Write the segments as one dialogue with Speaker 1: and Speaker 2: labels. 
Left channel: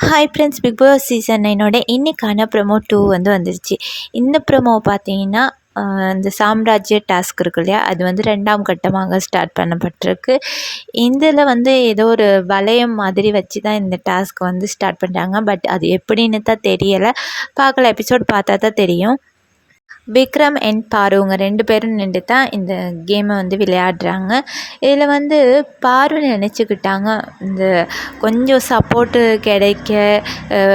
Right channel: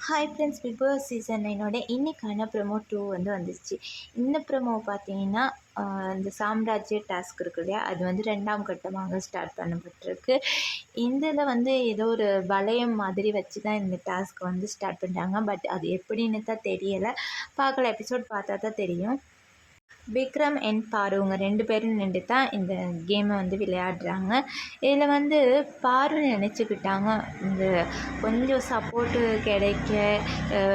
Speaker 1: Hi friends Bigg Boss season நைனோட இன்றைக்கான promo two வந்து வந்துருச்சு. இந்த ப்ரொமோ பார்த்தீங்கன்னா இந்த சாம்ராஜ்ய டாஸ்க் இருக்கு இல்லையா? அது வந்து ரெண்டாம் கட்டமாக ஸ்டார்ட் பண்ணப்பட்டிருக்கு. இதில் வந்து ஏதோ ஒரு வளையம் மாதிரி வச்சு தான் இந்த டாஸ்க் வந்து ஸ்டார்ட் பண்ணுறாங்க பட் அது எப்படின்னு தான் தெரியலை. பார்க்கல. எபிசோட் பார்த்தா தான் தெரியும். விக்ரம் அண்ட் பாரு இவங்க ரெண்டு பேரும் நின்று தான் இந்த கேமை வந்து விளையாடுறாங்க. இதில் வந்து பாரு நினச்சிக்கிட்டாங்க இந்த கொஞ்சம் சப்போர்ட்டு கிடைக்க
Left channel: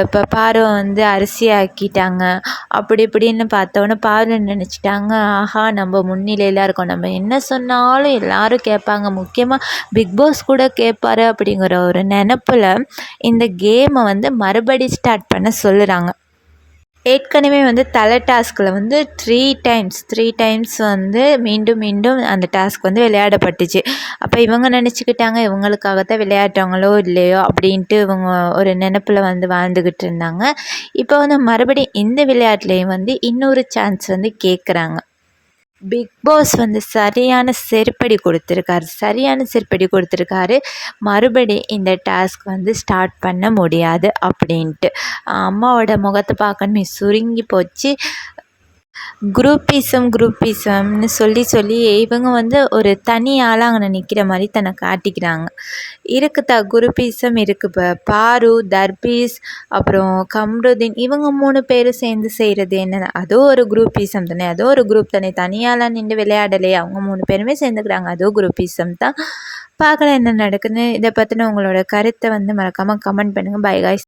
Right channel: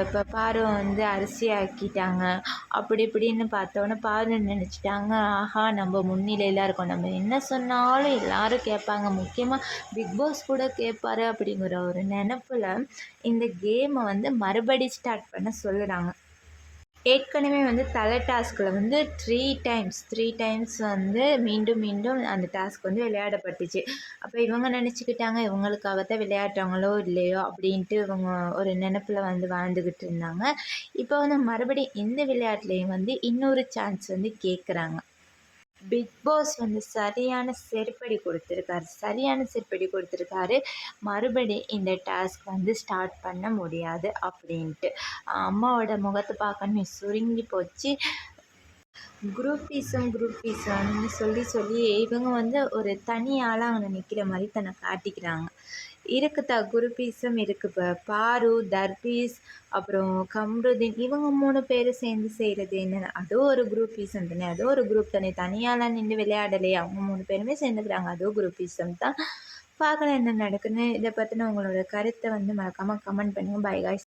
Speaker 1: இப்போ பாருவை வந்து அரிசி ஆக்கிட்டாங்க அப்படி இப்படின்னு பார்த்தோன்னே பாரு நினச்சிட்டாங்க ஆஹா நம்ம முன்னிலையில் இருக்கோம். நம்ம என்ன சொன்னாலும் எல்லாரும் கேட்பாங்க. முக்கியமாக பிக் பாஸ் கூட கேட்பாரு அப்படிங்கிற ஒரு நினப்பில் இந்த கேமை வந்து மறுபடி ஸ்டார்ட் பண்ண சொல்லுறாங்க. ஏற்கனவே வந்து தலை டாஸ்கில் வந்து த்ரீ டைம்ஸ் த்ரீ டைம்ஸ் வந்து மீண்டும் மீண்டும் அந்த டாஸ்க் வந்து விளையாடப்பட்டுச்சு. அப்போ இவங்க நினச்சிக்கிட்டாங்க இவங்களுக்காகத்தான் விளையாடுறவங்களோ இல்லையோ அப்படின்ட்டு இவங்க ஒரு நினப்பில் வந்து வாழ்ந்துக்கிட்டு இருந்தாங்க. இப்போ வந்து மறுபடியும் இந்த விளையாட்டுலேயும் வந்து இன்னொரு சான்ஸ் வந்து கேட்குறாங்க பிக் பாஸ் வந்து சரியான செருப்படி கொடுத்துருக்காரு. சரியான செருப்படி கொடுத்துருக்காரு. மறுபடி இந்த டாஸ்க் வந்து ஸ்டார்ட் பண்ண முடியாது அப்படின்ட்டு. அம்மாவோட முகத்தை பார்க்கணுமே சுருங்கி போச்சு. குரூப்பிசம் குரூப்பிசம்னு சொல்லி சொல்லி இவங்க வந்து ஒரு தனி ஆளாக அங்கே நிற்கிற மாதிரி தன்னை காட்டிக்கிறாங்க. இருக்குதா குரூப்பிசம்? இருக்குது இப்போ பாரு தர்பீஸ் அப்புறம் கம்ருதீன். இவங்க மூணு பேரும் சேர்ந்து செய்கிறது என்ன அதுவும் ஒரு குரூப்பிசம் தானே. அதுவும் ஒரு குரூப் தானே. தனியாலாம் நின்று விளையாடலையே அவங்க மூணு பேருமே சேர்ந்துக்கிறாங்க. அதுவும் குரூப்பிசம் தான். பார்க்கலாம் என்ன நடக்குதுன்னு. இதை பற்றின உங்களோட கருத்தை வந்து மறக்காமல் கமெண்ட் பண்ணுங்கள் பை காய்ஸ்